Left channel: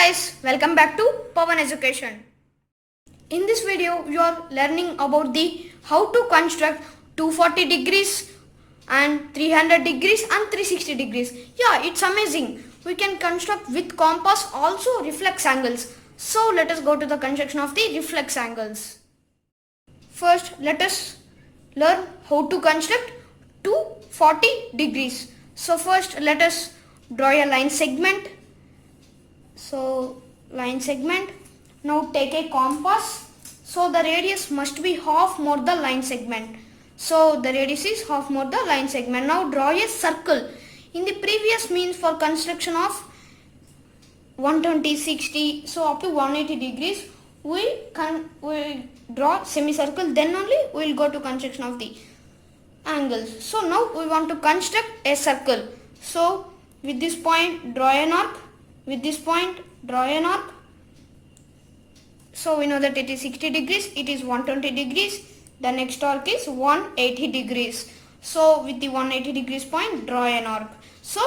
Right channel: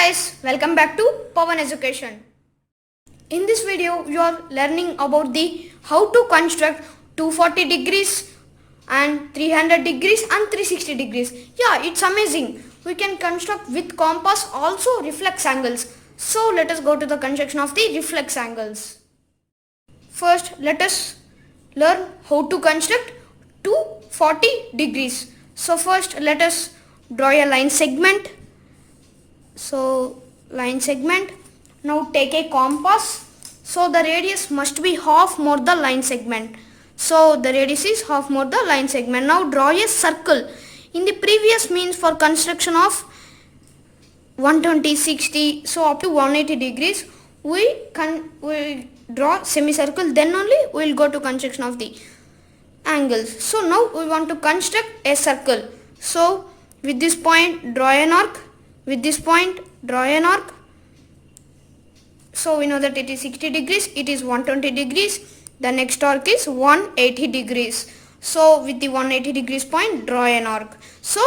guys, welcome back to Pawan Education. In this video, you are learning about the how to construct 240 degrees and 300 degrees and 360 degrees. Yeah, it's amazing. We can construct with compass also reflex angles. So let us go to the construction of the reflex angles. First, let us learn how to construct 240 degrees. So first, let us draw a line segment. So line segment. Now take a compass. So the radius must be half more the line segment. So the radius is half more the line segment. Now draw a circle. In the previous means for construction of 120, 60, so up to 180 degrees, we draw semicircle. Then only we will go to construction of the angles. So now we want to construct a circle. So with this point draw an arc. With this point draw an arc. So we know that it is 60 degrees, it is 120 degrees, the next arc is 180 degrees. So with the 180 degrees point draw an arc. So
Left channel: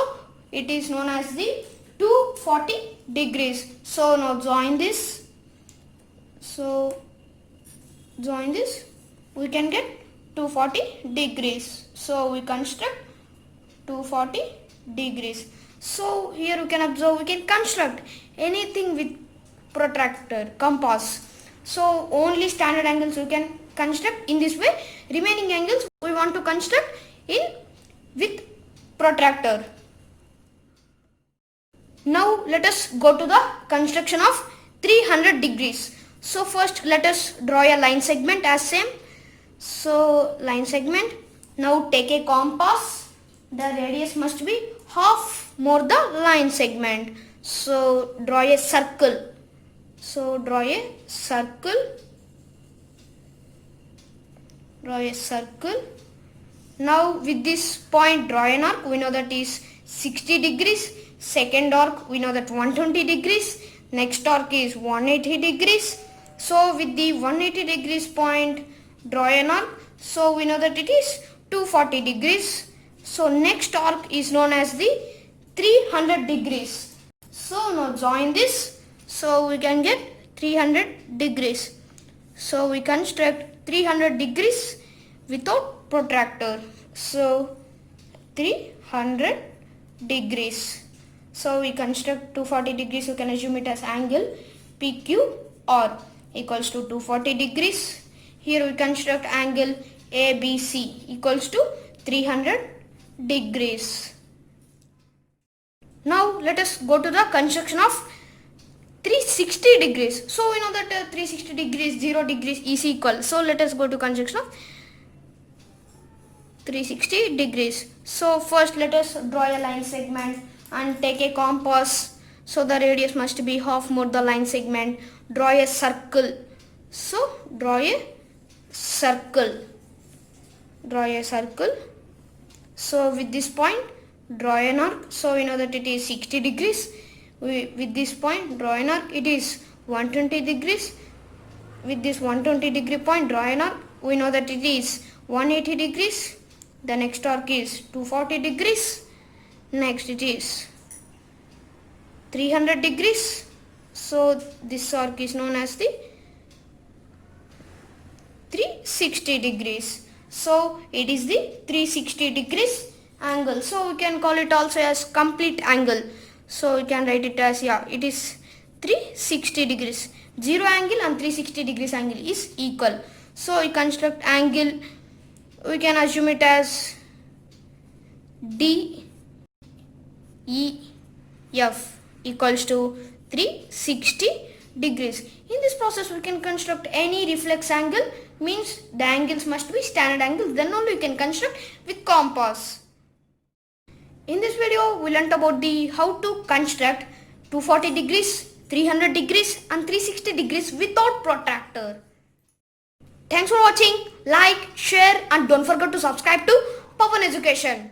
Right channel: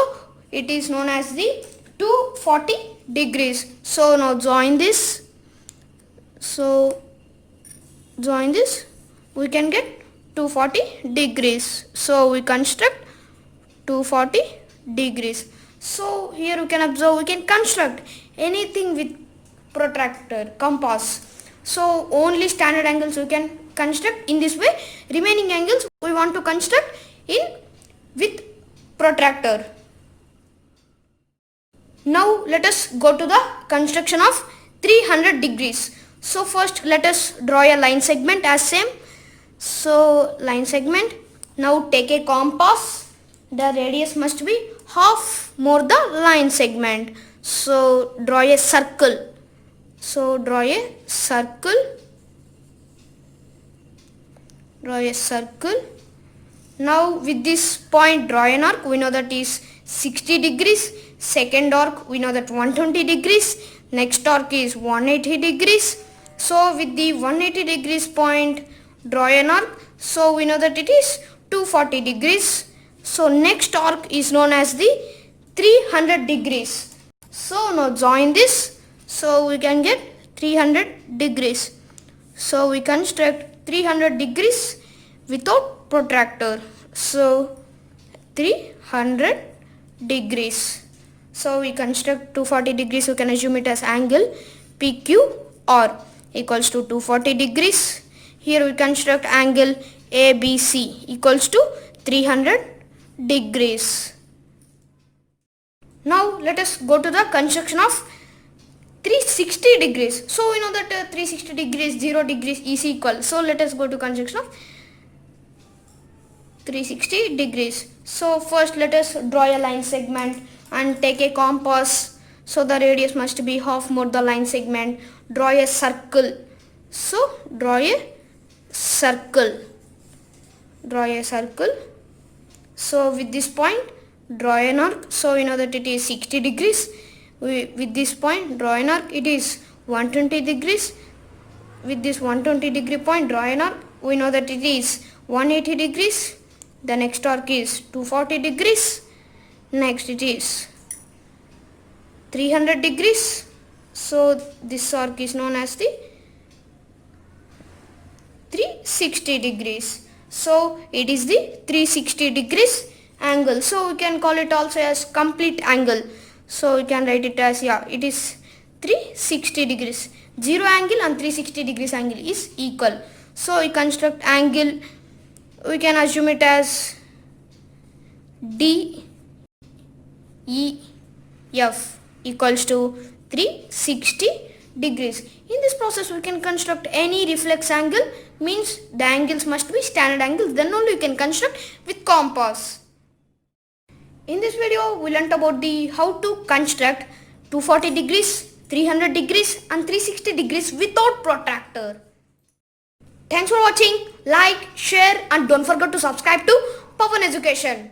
it is known as the 240 degrees. So now join this. So join this, we can get 240 degrees. So we construct 240 degrees. So here you can observe we can construct anything with protractor, compass. So only standard angles we can construct in this way. Remaining angles we want to construct with protractor. Now let us go to the construction of 300 degrees. So first let us draw a line segment as same. So line segment. Now take a compass. The radius must be half more the line segment. So draw a circle. So draw a circle. Draw a circle. Now with this point draw an arc. We know that is 60 degrees. Second arc we know that 120 degrees. Next arc is 180 degrees. So with the 180 degrees point draw an arc. So we know that it is 240 degrees. So next arc is known as the 300 degrees. So now join this. So we can get 300 degrees. So we construct 300 degrees without protractor. So 300 degrees. So we construct 240 degrees. We can assume it as angle PQR equals to 240 degrees. Here we construct angle ABC equals to 300 degrees. Now let us go to the construction of 360 degrees. So we know that 360 degrees 0 degrees is equal. So let us go to construction of 360 degrees. So first let us draw a line segment and take a compass. So the radius must be half more the line segment. Draw a circle. So draw a circle. Draw a circle. So with this point draw an arc. So we know that it is 60 degrees. With this point draw an arc. It is 120 degrees. With this 120 degree point draw an arc. We know that it is 180 degrees. The next arc is 240 degrees. Next it is 300 degrees. So this arc is known as the 360 degrees. So it is the 360 degrees angle. So we can call it also as complete angle. So we can write it as, yeah, it is 360 degrees. 0 angle and 360 degrees angle is equal. So we construct angle, we can assume it as DEF equals to 360 degrees. In this process we can construct any reflex angle, means the angles must be standard angles, then only you can construct with compass. In this video we learnt about the how to construct 240 degrees, 300 degrees and 360 degrees without protractor. Thanks for watching. Like, share and don't forget to subscribe to Pawan Education.